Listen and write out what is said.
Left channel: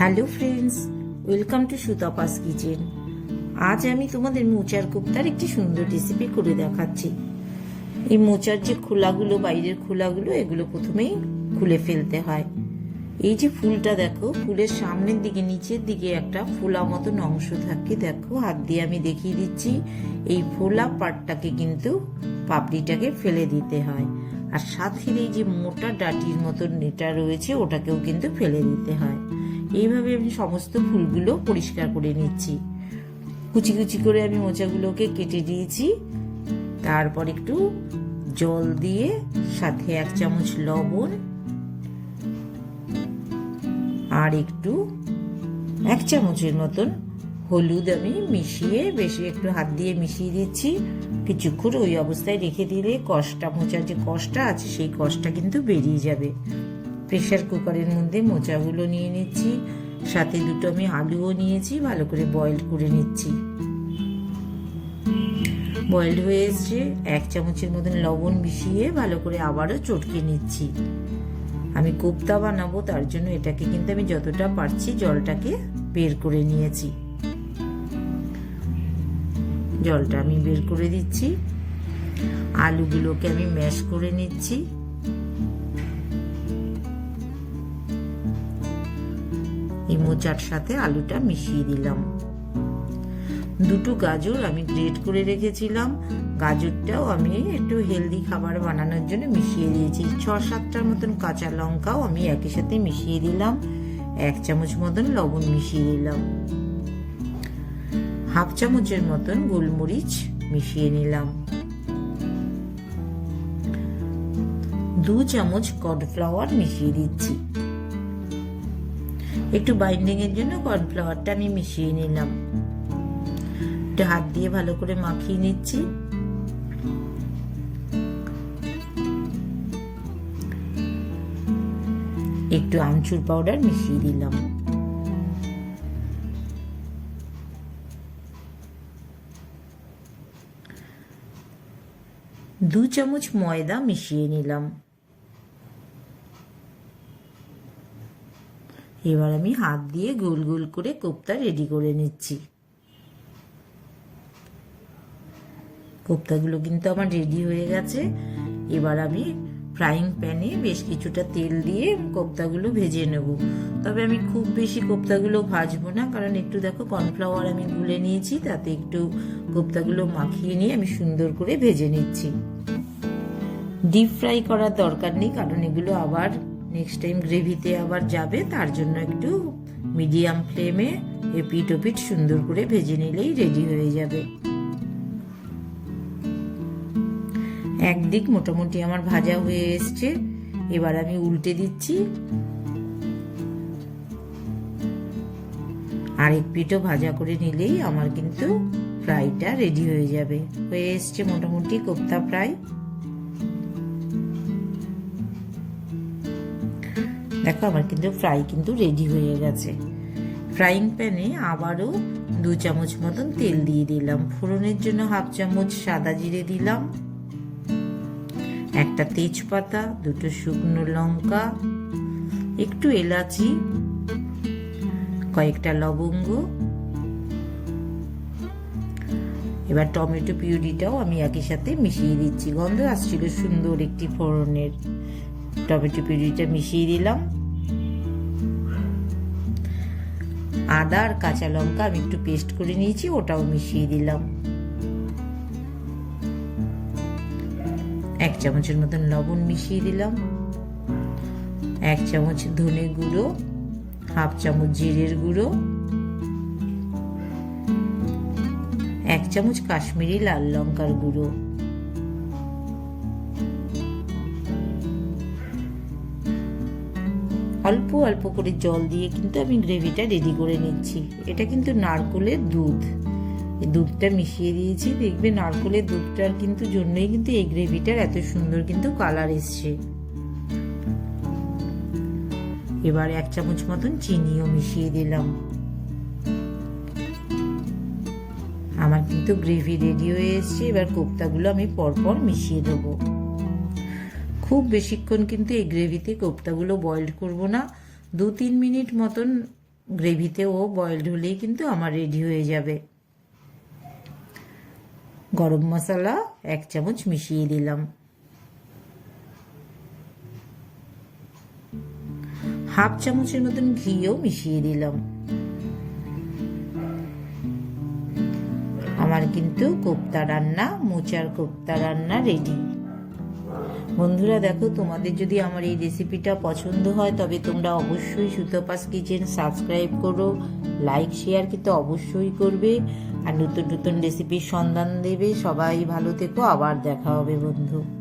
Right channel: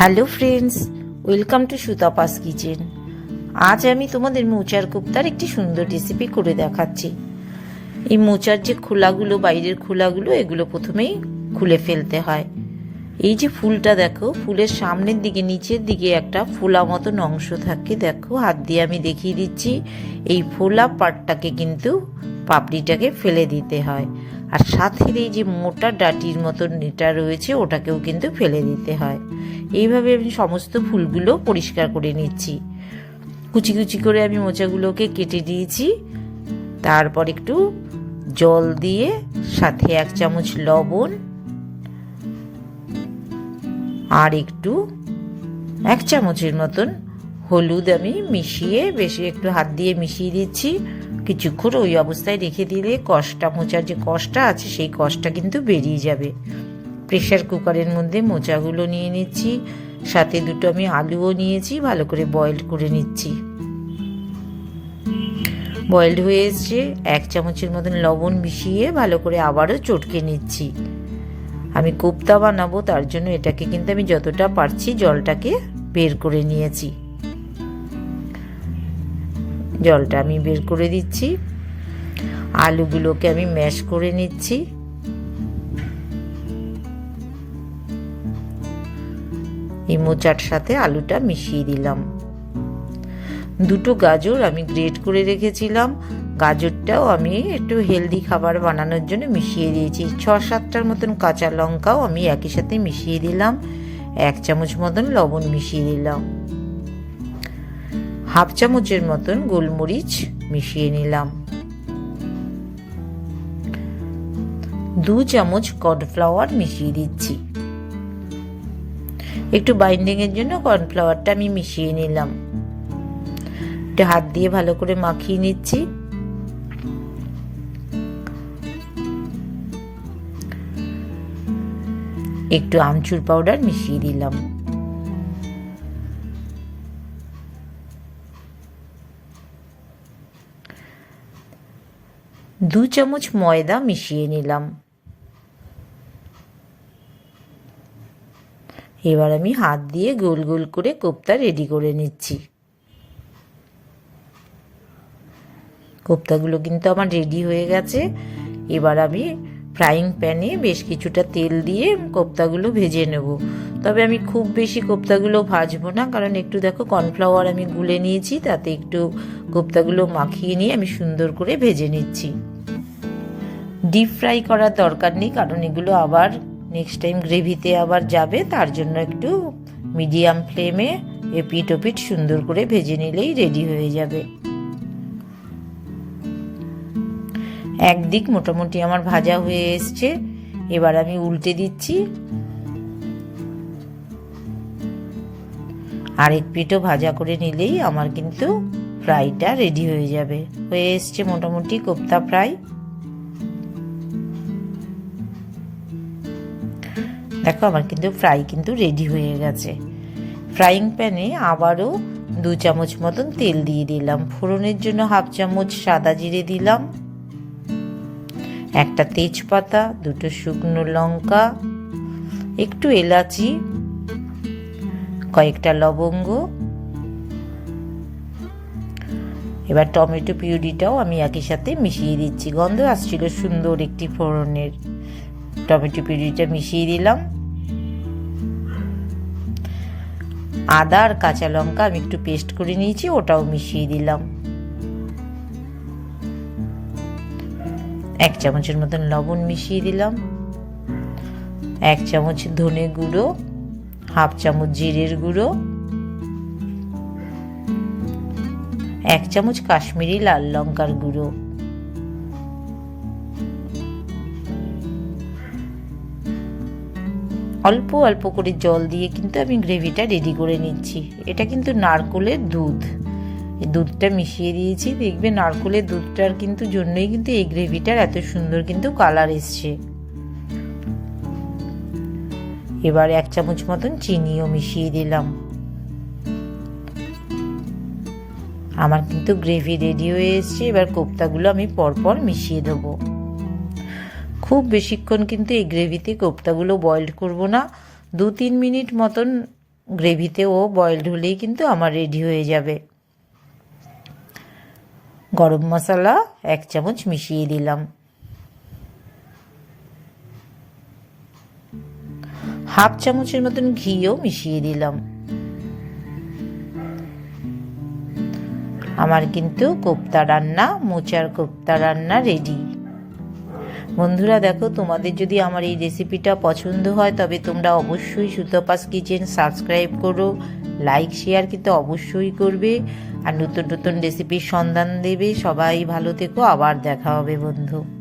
Hello friends, welcome to Sutapa's kitchen. আজ আমি তোমাদের মোচার কোপ্তার একটি সুন্দর রেসিপি করে দেখাচ্ছি। এই মোচার যে খোলাগুলো, বাইরের খোলাগুলো, এগুলো প্রথমেই খুলে ফেলতে হয়। এই যে ফুলটা দেখো, ফুলের সামনের দিকে নিচের দিকে একটা ফোলা মতন অংশ থাকে, দেখো হাত দিয়ে আমি দেখিয়ে দিচ্ছি। এই ফোলা পার্টটাকে কিন্তু পাপড়িটাকে ফেলে দিতে হয়, আর সাথে এই যে মোটা ডাটির মতন এটা রয়েছে ওটাকেও কিন্তু ফেলে দিতে হয়। এইভাবে আমি সমস্ত ফুলগুলো পরিষ্কার করে নিচ্ছি। কুচি কুচি করে আমি মোচাগুলোকে কেটে দিয়েছি। তারপর একটু জল দিয়ে সাথে 1 চামচ লবণ আর একটু 1 চামচের মতন হলুদ আমি মিশিয়ে, বেশি একটু হাত দিয়ে মিশিয়ে দিচ্ছি। কিছুক্ষণ ওই অবস্থায় রেখে দিলে কষটা, মোচার যে কষটা আছে সেই কষটা কিন্তু বেরিয়ে যাবে। প্রেশার কুকারের মধ্যে মোচাগুলো নিয়ে নিচ্ছি, সাথে দুটো আমি আলুও নিয়েছি, ভালো করে বয়েল করে নিচ্ছি। বয়েলড হয়ে এসছে, 1 চামচের মতন লবণ মিশিয়ে ভালো করে আবারও চটকে নিচ্ছি। আমি কোপ্তা বানাবো, তার জন্য এটাকে কিন্তু আমি যতটা পারছি জলটাকে বের করে নিয়েছি। জলটা আমি বের করে দিচ্ছি। আলুগুলোকে আমি ম্যাশ করে নিচ্ছি। এই মোচার সাথে আলুটা মিশিয়ে দিলাম। দুটো গাজর আমি গ্রেট করে রেখেছিলাম, গাজরটাও আমি একটু হেলদি খাবার বানানোর জন্য মিশিয়ে দিয়েছি। 6-7টার মতন কাঁচা লঙ্কাও আমি একই সাথে মিশিয়ে দিলাম। 1 চামচ মতন লবণ মিশিয়ে দিলাম। 1/2 চামচের মতন গোলমরিচ মিশিয়ে নিলাম। 2 চামচ কর্নফ্লাওয়ার মিশিয়ে দিচ্ছি। একটু বাইন্ডিং এর জন্য কর্নফ্লাওয়ারটা আমি মিশিয়ে নিলাম। একটু হাত দিয়ে ভালো করে মাখিয়ে নিচ্ছি। একটু আমচুর পাউডার মিশিয়ে দিলাম। দু চামচ ময়দা মিশিয়ে নিলাম। এবার আমি হাত দিয়ে গোল গোল করে কোপ্তা রেডি করে নিচ্ছি। কোপ্তাগুলো কিন্তু আমার রেডি হয়ে গেছে। এবার আমি ফ্রাইং প্যানে বেশ কিছুটা তেল দিয়ে কোপ্তাগুলো ভেজে নেব। তবে আমি খুব বেশি কোপ্তাগুলো ভাজবো না, কারণ একটু দেখো কর্নফ্লাওয়ার আমি গুলে নিয়েছি, তাতে একটু কোপ্তাগুলো মাখিয়ে নিয়ে আমি সুন্দর করে ভেজে নিচ্ছি। ডিপ ফ্রাই করার দরকার নেই, কারণ এগুলো আবার নেক্সট টাইম গ্রেভিতে আবার যাবে, তার জন্য একটু মিডিয়াম ফ্লেমে এপিট ওপিট সুন্দর করে ভেজে নিলেই রেডি হয়ে যাবে। একদিক মোটামুটি আমার ভাজা হয়ে এসছে, এবার আমি উল্টে দিচ্ছি। আরেক পিঠও ভাজা করে নিলেই আমার কিন্তু ফ্রাইটা রেডি হয়ে যাবে। হয়ে এসছে মোটামুটি কোপ্তা ফ্রাই। দেখো আমার কিন্তু ফ্রাই কিন্তু রেডি হয়ে গেছে। ফ্রাইং প্যানে আবারও 2 চামচ মতন তেল দিয়ে দিলাম। ফোড়নের জন্য 1/2 চামচ সাদা জিরে দিলাম, একটা তেজপাতা, 2টো শুকনো লঙ্কা, একটু এলাচি, কয়েকটা লবঙ্গ। এবার টমেটো পিউরিটাও আমি একই সাথে মিশিয়ে দিচ্ছি। গন্ধ আসছিল সুন্দর একটি ফোড়নের। টমেটো পিউরিটা মিশিয়ে দিলাম। আদা আর কাঁচা লঙ্কা আমি একটু পেস্ট করে নিয়েছি, ওটাও মিশিয়ে দিলাম। 1 চামচের মতন লবণ মিশিয়ে দিলাম। 1 চামচ ধনে গুঁড়ো, 1/2 চামচ জিরের গুঁড়ো, 1 চামচ কাশ্মীরি লাল লঙ্কার গুঁড়ো। অল্প অল্প করে জল দিয়ে কিন্তু আমি গ্রেভিটা রেডি করে নিচ্ছি। এটা কিন্তু নারকোলের দুধ, এই দুধটা মিশিয়ে দিয়েছি। দেখবে নারকোলের দুধটার কিন্তু জন্যই কিন্তু এই গ্রেভিটার এত সুন্দর কিন্তু কালার এসছে। এবার 1 চামচ মতন চিনিও মিশিয়ে দিলাম। আমার কিন্তু গ্রেভি রেডি হয়ে এসছে। এবার কোপ্তাগুলো আমি পরপর মিশিয়ে দেবো। খুব বেশিক্ষণ কিন্তু এই গ্রেভিতে কোপ্তাগুলো বয়েলড করব না, 2-3 মিনিট মতন গ্রেভিতে ও বয়েলড হলেই কিন্তু আমার রেডি হয়ে যাবে। গরম মশলা 1 চামচ মিশিয়ে দিলাম, হাফ চামচের মতন ঘিও মিশিয়ে দিলাম। আমার কিন্তু কোপ্তা রান্না, মোচার কোপ্তা রান্না রেডি। বন্ধুরা দেখো, তোমাদের যদি আমার এই রেসিপিটা পছন্দ হয় তবে তোমরা অবশ্যই সুতপাস কিচেন সাবস্ক্রাইব করো, লাইক শেয়ার কিন্তু অবশ্যই করবে, আর নতুন নতুন রেসিপির সন্ধান দেবে। সবাই ভালো থেকো, আবার দেখা হবে বন্ধু।